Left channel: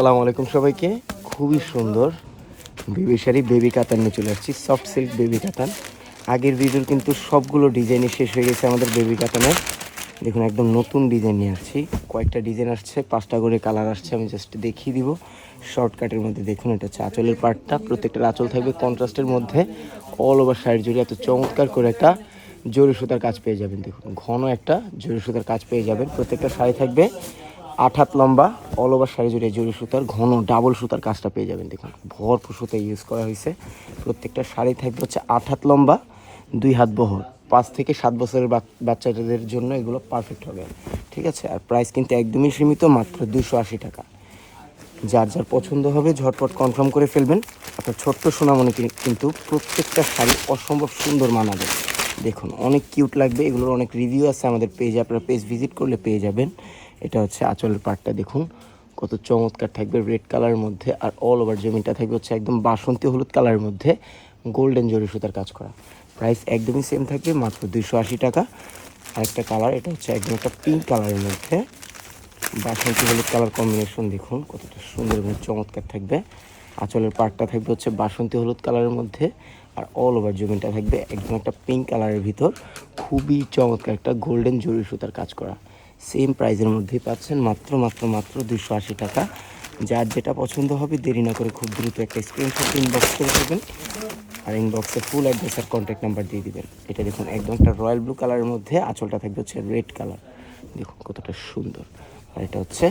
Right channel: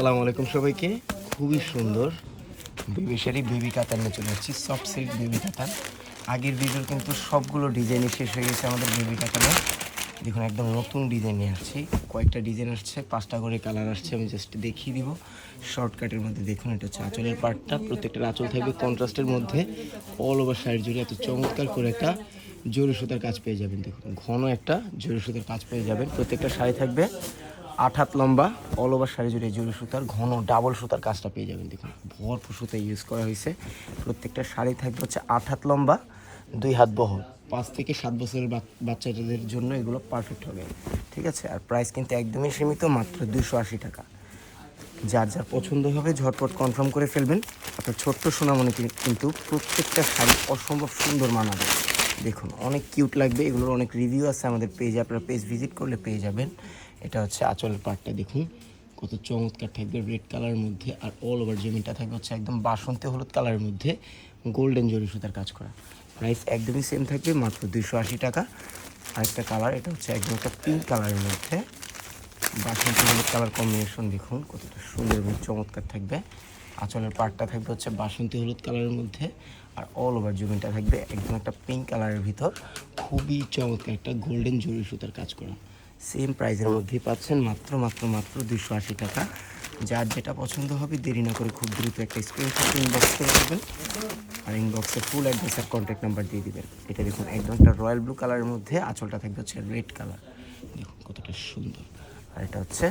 আসসালামু আলাইকুম সবাইকে। খুবই সুন্দর বেবি শাড়ি, বেবি কাতান নিয়ে চলে আসছি। সফট সিল্ক বেবি কাতান। আগের ভিডিওর কিন্তু সবগুলো ডিজাইনই শেষ হয়ে গেছে আমাদের বেবি কাতানের। দেখুন একদম নতুন ডিজাইন নিয়ে আসছি। কয়েকটা ডিজাইন আসছে, 5টা করে কালার আসছে। আমি জাস্ট দেখিয়ে দিব শর্টকাটের মধ্যে। দেখুন এটা হচ্ছে আঁচলের পার্টটা। প্রত্যেকটা আঁচল থাকবে কন্ট্রাস্টের মধ্যে। অল ওভার শাড়ি জুড়ে এত চমৎকার করে একটা জরি সুতার কাজ পেয়ে যাবেন। দেখুন ঘন একটা জরি সুতার কাজ পেয়ে যাবেন। প্রত্যেকটা শাড়ি থাকবে 8 হাত লম্বা। অল ওভার শাড়ি জুড়ে জরি সুতার ঘন ডাবল সুতার কাজটা পেয়ে যাবেন। দেখুন ভরপুর সুতা ইউজ করা হয়েছে। প্রত্যেকটা শাড়ি থাকবে হচ্ছে 8 হাত লম্বা, 2 হাত বহর। 5 থেকে 7 বছরের বাচ্চাদের জন্য এগুলো পারফেক্ট হবে। ঠিক আছে। আর প্রাইস কিন্তু একদমই সীমিত, মাত্র 280 টাকা। যার যার পছন্দ হবে ঝটপট কনফার্ম করে ফেলবেন। আপনার ছোট্ট সোনামণি কিন্তু প্রত্যেকটা শাড়ি অসম্ভব সুন্দর মানাবে। দেখুন অনেক কিউট লাগবে। এগুলোর অনেক রিভিউ আছে আমাদের পেজে, আপনারা পেজ ভিজিট করলে পেয়ে যাবেন। এটা হচ্ছে আঁচলের পাটটা। দেখুন কত চমৎকার থাকবে রেড কালারের মধ্যে। আর অল ওভার জমিটা থাকবে হচ্ছে একদম বাসন্তী হলুদ কালারের মধ্যে গোল্ডেন জরি সুতার কাজ করা। প্রাইস একদমই সেম থাকবে, মাত্র 280 টাকা। আরেকটা কালার, এটা হচ্ছে একদম একটা পিঙ্ক কালারের মধ্যে বাসন্তী হলুদ কালার কম্বিনেশন। দেখুন কতটা সুন্দর এবং চমৎকার থাকবে। আঁচলের পাটটা থাকবে হচ্ছে বাসন্তী হলুদ কালারের মধ্যে। আর অল ওভার জমিনটা থাকবে একদম একটা পিঙ্ক কালারের ভিতর খুবই চমৎকার একটা গোল্ডেন জরি সুতার কাজ করা। সেম প্রাইসের মধ্যেই পাচ্ছেন, মাত্র 280 টাকা। যার যেটা পছন্দ হবে দেরি না করে খুব দ্রুত একটা স্ক্রিনশট ইনবক্স করে দেবেন। আর ইনবক্সে ফুল অ্যাড্রেস আর কন্ট্যাক্ট নাম্বার দিয়ে দিবেন। এটা দেখুন একদম একটা রয়্যাল ব্লু কালারের মধ্যে আঁচলটা থাকবে হচ্ছে রেড কালার। দেখুন কতটা সুন্দর। আর এটা হচ্ছে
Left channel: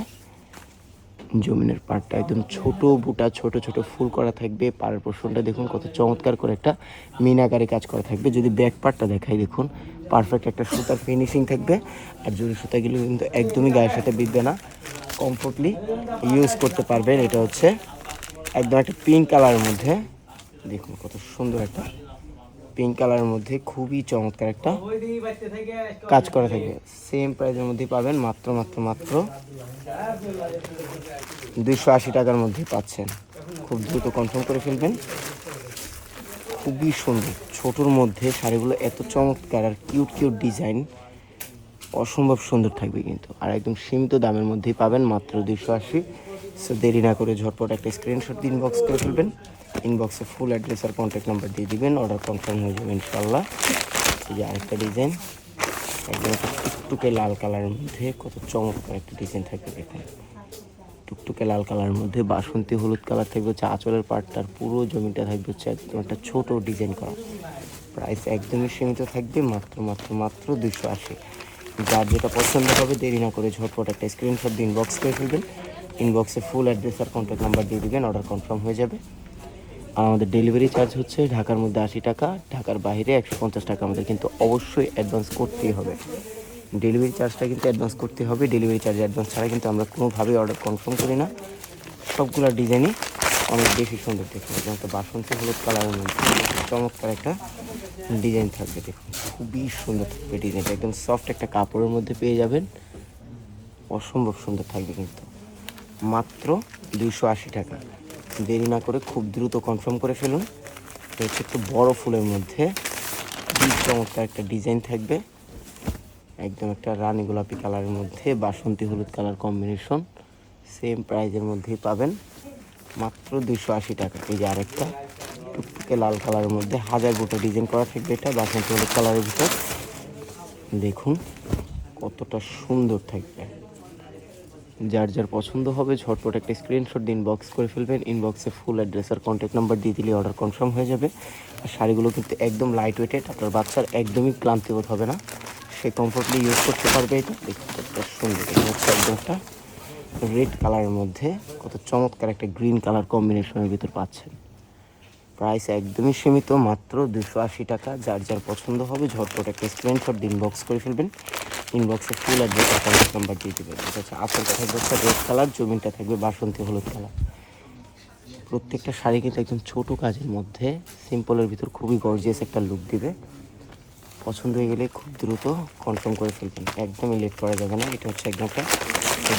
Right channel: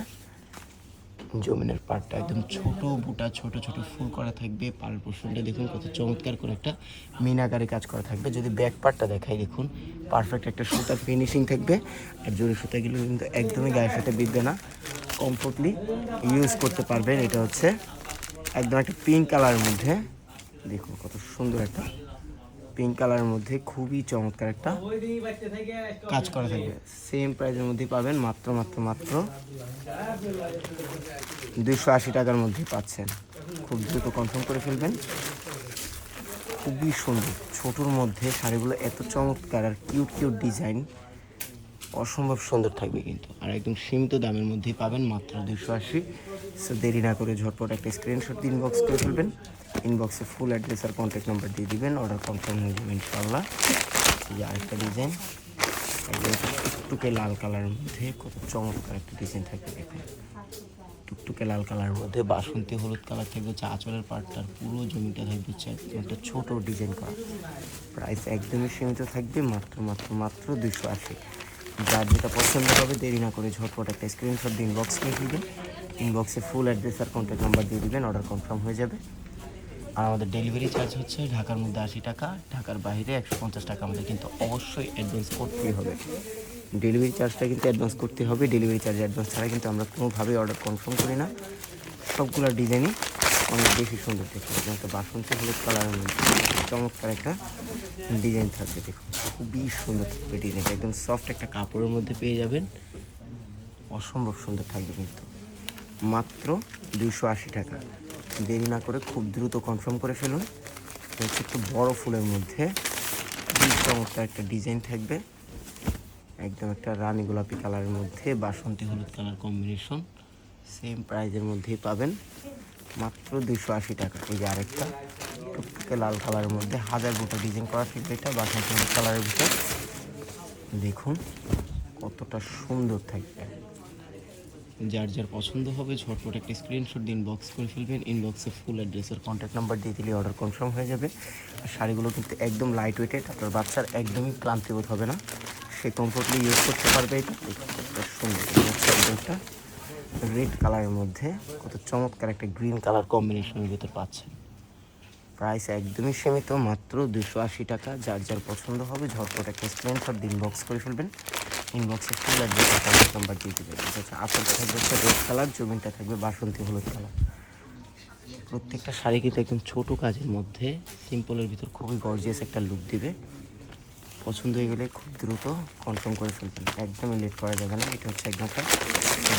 জমিনের পাড়টা, একদম ছোট বুটা ছোট ছোট ফুল করা থাকবে। পাড়ের পোর্শনটা দেখুন কত চমৎকার করে একটা মিনাকারি কাজ করা থাকবে। যদি ব্যাক পার্টটা দেখাই, দেখুন পারফেক্ট একটা সুতার ফিনিশিং থাকবে। আর জরি সুতাগুলো কিন্তু একদমই গায়ের সাথে বিঁধবে না, কমফোর্টলি ইউজ করতে পারবেন। এটা হচ্ছে একদম একটা পিঙ্ক কালারের মধ্যে। দেখুন কত সুন্দর একটা পিঙ্ক কালারের মধ্যে খুবই চমৎকার একটা কাজ করা থাকবে। সেম প্রাইসের মধ্যে পাবেন, মাত্র 280 টাকার মধ্যে পাচ্ছেন। খুব দ্রুত কনফার্ম করে ফেলবেন। খুবই সুন্দর ছোটোর মধ্যে শাড়িগুলো এত চমৎকার আর কিউট কিউট ডিজাইন, অসম্ভব সুন্দর থাকবে কিন্তু। আর একদম সীমিত দামের মধ্যেই পাবেন, মাত্র 280। সো দেরি না করে ঝটপট একটা স্ক্রিনশট দিয়ে ইনবক্স করে ফেলবেন। ইনবক্সে ফুল অ্যাড্রেস আর কন্ট্যাক্ট নাম্বার দিয়ে দিবেন, অর্ডার কনফার্ম হয়ে যাবে ইনশাল্লাহ। এই যে আরেকটা ডিজাইন, একদম টুকটুকে লাল কালারের মধ্যে কত চমৎকার একটা ডিজাইন থাকবে। দেখুন টুকটুকে লাল কালারের মধ্যে বাসন্তী হলুদ কালার থাকবে হচ্ছে আঁচলের পাটটার। পুরো জমিটা থাকবে হচ্ছে একটা ছোট ডিজাইন করা। প্রাইস একদমই সীমিত থাকবে, মাত্র 280। যার যেটা পছন্দ হবে দেরি না করে ঝটপট একটা স্ক্রিনশট দিয়ে ইনবক্স করে ফেলবেন। ইনবক্সে ফুল অ্যাড্রেস আর কন্ট্যাক্ট নাম্বার দিয়ে দিবেন, অর্ডার কনফার্ম হয়ে যাবে। আর আমাদের ডেলিভারি চার্জ হচ্ছে ঢাকার মধ্যে 80 টাকা, ঢাকার বাইরে 150 টাকা। আমাদের কিন্তু অবশ্যই অ্যাডভান্স করতেই হবে। ডেলিভারি চার্জটা কিন্তু অ্যাডভান্স করতে হবে। ডেলিভারি চার্জ অ্যাডভান্স ছাড়া কিন্তু আমরা কোনোভাবেই অর্ডার কনফার্ম করি না। সবগুলো ডিজাইনই অনেক বেশি সুন্দর দেখতে হবে। একটা বাসন্তী হলুদ কালারের মধ্যে চমৎকার একটা ডিজাইন থাকবে। দেখুন খুবই সুন্দর থাকবে ডিজাইনটা, একদম সফট একটা কাপড়ের মধ্যে পেয়ে যাবেন। অসম্ভব সুন্দর থাকবে কিন্তু, মাত্র 280 টাকা। দেরি না করে খুব দ্রুত কনফার্ম করে ফেলুন। হচ্ছে একটু বড় ফুলের মধ্যে খুবই চমৎকার একটা ডিজাইন থাকবে। একদম একটা রানী গোলাপি কালারের মধ্যে বাসন্তী হলুদ কালার কম্বিনেশন। সেম প্রাইজের মধ্যেই পাবেন, মাত্র 280 টাকা। এই যে আরেকটা টুকটুকে লাল কালারের মধ্যে হাজার দুটো ডিজাইন করা থাকবে। এটা বাসন্তী হলুদ কালারের ভিতর দেখুন কতটা সুন্দর থাকবে। যার যার পছন্দ হবে ঝটপট একটা স্ক্রিনশট দিয়ে ইনবক্স করে ফেলবেন। ইনবক্সে ফুল অ্যাড্রেস আর কন্ট্যাক্ট নাম্বার দিয়ে দিলে অর্ডার কনফার্ম হয়ে যাবে। আর শাড়িগুলো কিন্তু একদম লাইট ওয়েটেড, আপনার বাচ্চার একদমই ক্লান্তিবোধ হবে না, সে কমফোর্টলি ইউজ করতে পারবে। এটা কতটা সুন্দর, হচ্ছে একদম একটা রেড কালারের মধ্যে কত চমৎকার একটা গ্রিন কালার কম্বিনেশনের ভিতরে পাচ্ছেন। প্রাইস একদমই সীমিত, মাত্র 280 টাকা। যার যার পছন্দ হবে ঝটপট একটা স্ক্রিনশট দিয়ে ইনবক্স করে ফেলবেন। ইনবক্সে ফুল অ্যাড্রেস আর কন্ট্যাক্ট নাম্বার দিয়ে দেবেন। এটা হচ্ছে আঁচলটা থাকবে হচ্ছে রেড কালার, জমিনটা থাকবে বাসন্তী হলুদ কালার। প্রত্যেকটা শাড়ি কিন্তু একদম ছোটো কাজের মধ্যে সিম্পলের ভিতর খুবই গর্জিয়াস একটা লুক দিবে। পছন্দ হয়ে গেলে খুব দ্রুত কনফার্ম করে ফেলবেন, একদমই লেট করা যাবে না। এটা হচ্ছে একদম একটা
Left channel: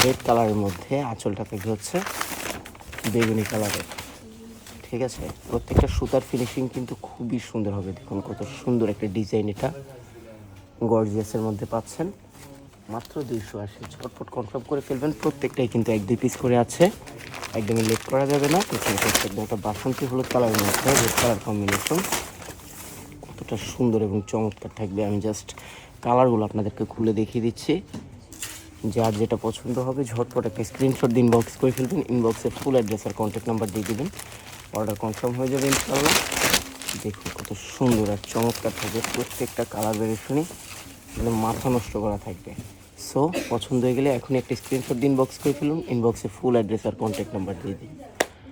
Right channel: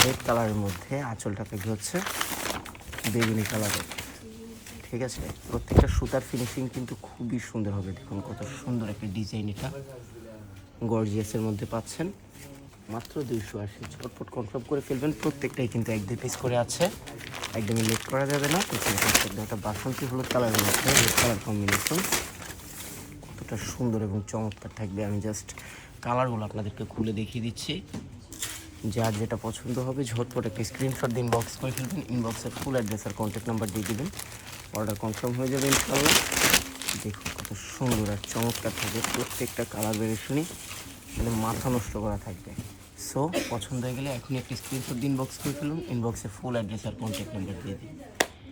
রেড কালারের মধ্যে আঁচলটা থাকবে হচ্ছে বেগুনি কালারের। ঠিক আছে। প্রত্যেকটা সুতার ফিনিশিং কিন্তু খুবই সুন্দর হবে। দেখুন কত সুন্দর একটা ডিজাইন, এটা গর্জিয়াসের মধ্যে পাচ্ছেন, মাত্র 280। ঝটপট কনফার্ম করে ফেলবেন। প্রত্যেকটাই কিন্তু 1-2 পিস করে আছে। একদমই লেট করা যাবে না। পিছনে থাকছে একদম একটা বাসন্তী হলুদ কালারের মধ্যে রেড কালার কম্বিনেশন, কতটা সুন্দর এবং চমৎকার থাকবে। আমি জাস্ট কালারগুলো আপনাদেরকে খুলে দেখিয়ে দিচ্ছি। যার যেটা পছন্দ হবে ঝটপট একটা স্ক্রিনশট দিন, ইনবক্স করে ফেলবেন। ইনবক্সে ফুল অ্যাড্রেস আর কন্ট্যাক্ট নাম্বার দিয়ে দেবেন, অর্ডার কনফার্ম হয়ে যাবে ইনশাআল্লাহ। দেখুন কত সুন্দর আর চমৎকার থাকবে, প্রত্যেকটা কালার ভেরিয়েশনই মানে মাথা নষ্ট করা থাকবে। সো পছন্দ হয়ে গেলে এখনই একটা স্ক্রিনশট দিন, ইনবক্স করে ফেলুন। ইনবক্সে ফুল অ্যাড্রেস আর কন্ট্যাক্ট নাম্বার দিয়ে দিন।